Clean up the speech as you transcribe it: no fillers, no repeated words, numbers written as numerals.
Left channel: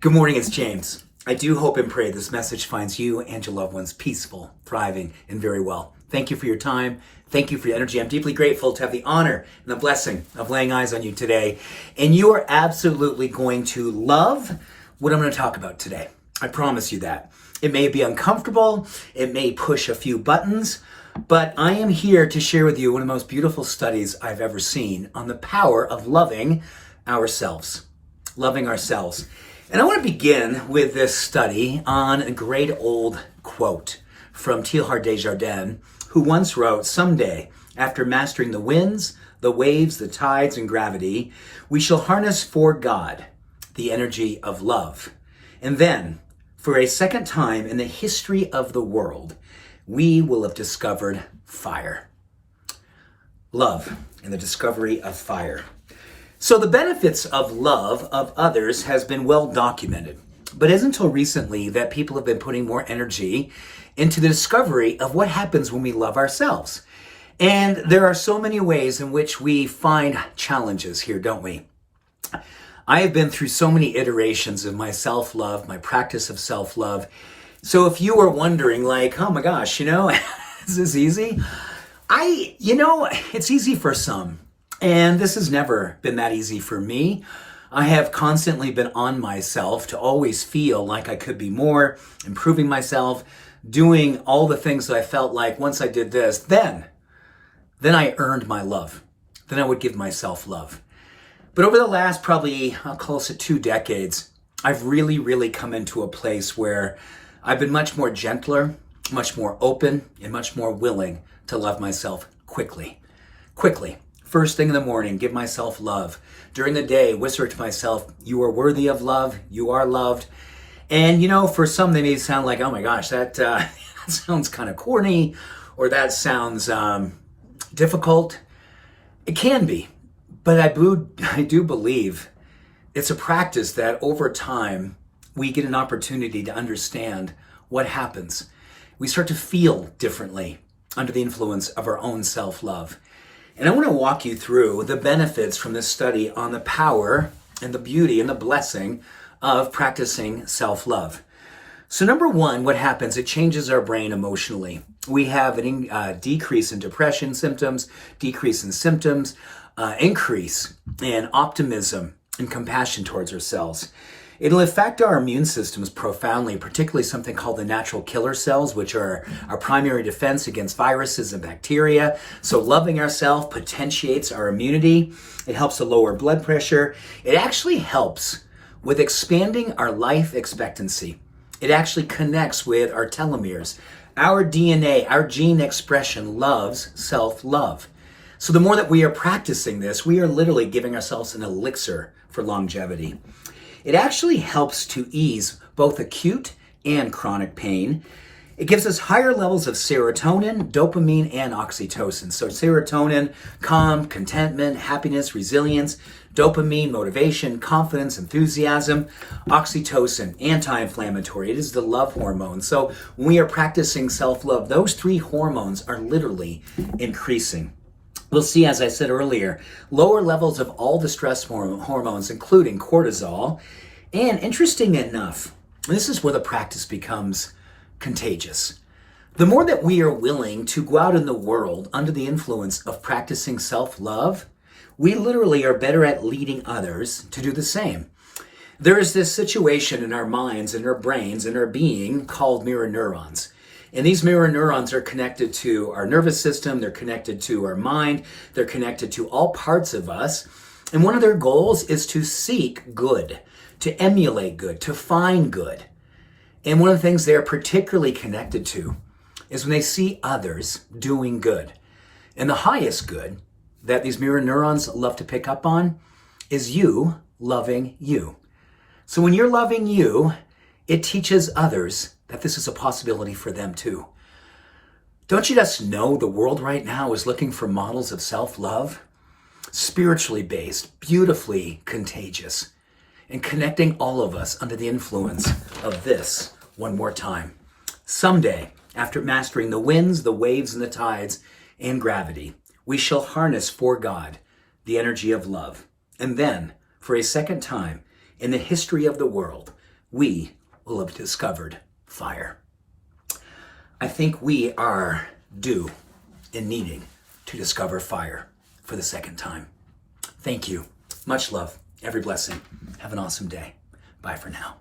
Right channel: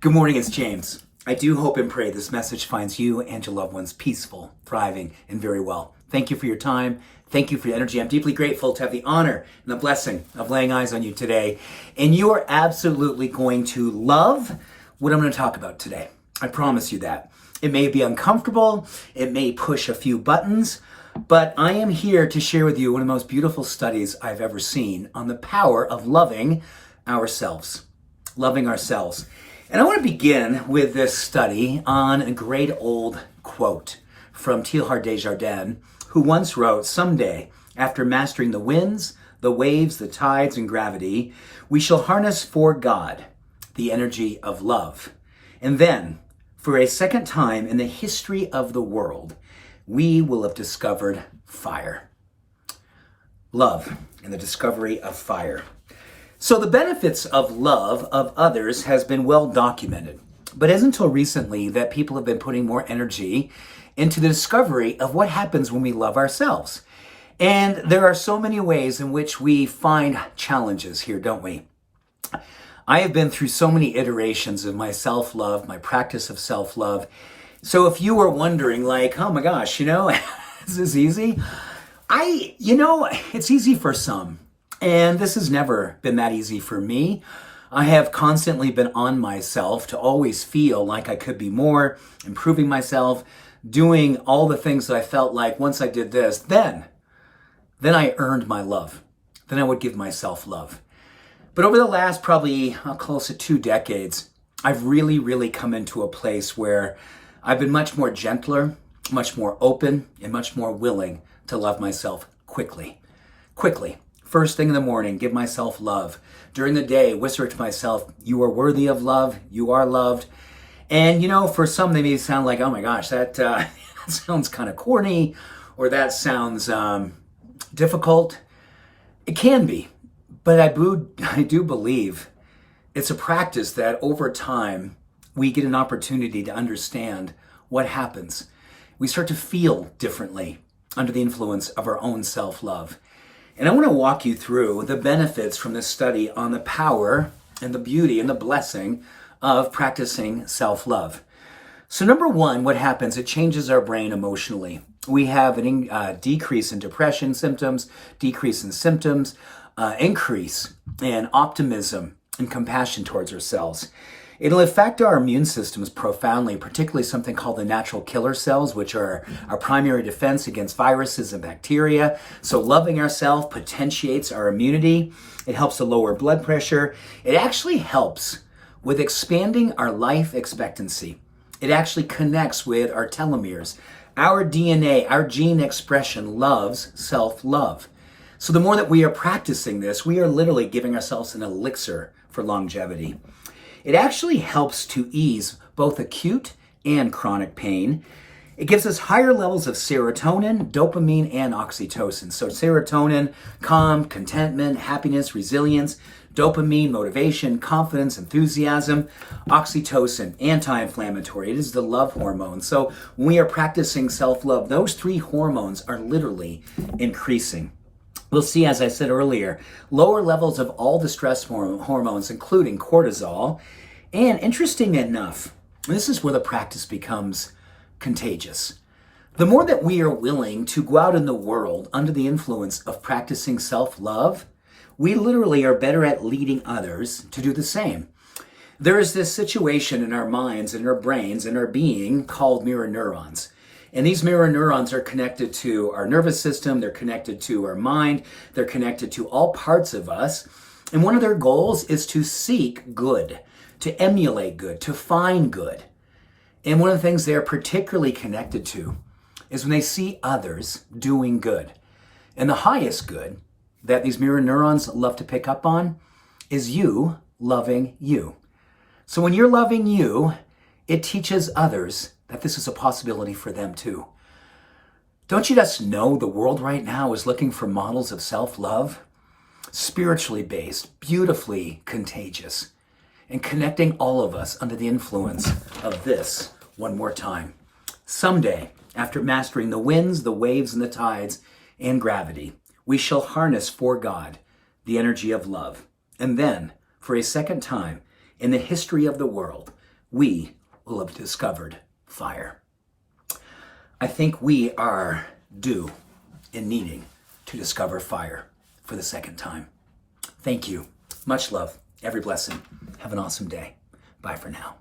Good morning, it's James. I do hope and pray this message finds you and your loved ones peaceful, thriving, and very well. Thank you for your time. Thank you for your energy. I'm deeply grateful to have the honor and the blessing of laying eyes on you today. And you are absolutely going to love what I'm going to talk about today. I promise you that. It may be uncomfortable. It may push a few buttons. But I am here to share with you one of the most beautiful studies I've ever seen on the power of loving ourselves. Loving ourselves. And I want to begin with this study on a great old quote from Teilhard de Chardin, who once wrote, "Someday, after mastering the winds, the waves, the tides, and gravity, we shall harness for God the energy of love. And then, for a second time in the history of the world, we will have discovered fire." Love and the discovery of fire. So the benefits of love of others has been well documented, but it isn't until recently that people have been putting more energy into the discovery of what happens when we love ourselves. And there are so many ways in which we find challenges here, don't we? I have been through so many iterations of my self-love, my practice of self-love. So if you were wondering like, oh my gosh, is this easy? It's easy for some. And this has never been that easy for me. I have constantly been on myself to always feel like I could be more, improving myself, doing all the things that I felt like once I did this, then I earned my love. Then I would give myself love. But over the last probably, I'll call it 2 decades, I've really come into a place where I've been much more gentler, much more open, and much more willing to love myself quickly. First thing in the morning, give myself love. During the day, whisper to myself, you are worthy of love, you are loved. And for some, they may sound like, oh my gosh, that sounds kind of corny, or that sounds difficult. It can be, but I do believe it's a practice that over time, we get an opportunity to understand what happens. We start to feel differently under the influence of our own self-love. And I want to walk you through the benefits from this study on the power and the beauty and the blessing of practicing self-love. So number one, what happens? It changes our brain emotionally. We have a decrease in depression symptoms, decrease in symptoms, increase in optimism and compassion towards ourselves. It'll affect our immune systems profoundly, particularly something called the natural killer cells, which are our primary defense against viruses and bacteria. So loving ourselves potentiates our immunity. It helps to lower blood pressure. It actually helps with expanding our life expectancy. It actually connects with our telomeres. Our DNA, our gene expression loves self-love. So the more that we are practicing this, we are literally giving ourselves an elixir for longevity. It actually helps to ease both acute and chronic pain. It gives us higher levels of serotonin, dopamine, and oxytocin. So serotonin, calm, contentment, happiness, resilience; dopamine, motivation, confidence, enthusiasm; oxytocin, anti-inflammatory. It is the love hormone. So when we are practicing self-love, those 3 hormones are literally increasing. We'll see, as I said earlier, lower levels of all the stress hormones, including cortisol. And interesting enough, this is where the practice becomes contagious. The more that we are willing to go out in the world under the influence of practicing self-love, we literally are better at leading others to do the same. There is this situation in our minds, in our brains, in our being called mirror neurons. And these mirror neurons are connected to our nervous system, they're connected to our mind, they're connected to all parts of us. And one of their goals is to seek good, to emulate good, to find good. And one of the things they're particularly connected to is when they see others doing good. And the highest good that these mirror neurons love to pick up on is you loving you. So when you're loving you, it teaches others that this is a possibility for them too. Don't you just know the world right now is looking for models of self-love? Spiritually based, beautifully contagious, and connecting all of us under the influence of this one more time. Someday, after mastering the winds, the waves, and the tides, and gravity, we shall harness for God the energy of love. And then, for a second time in the history of the world, we will have discovered fire. I think we are due in needing to discover fire for the second time. Thank you. Much love. Every blessing. Have an awesome day. Bye for now.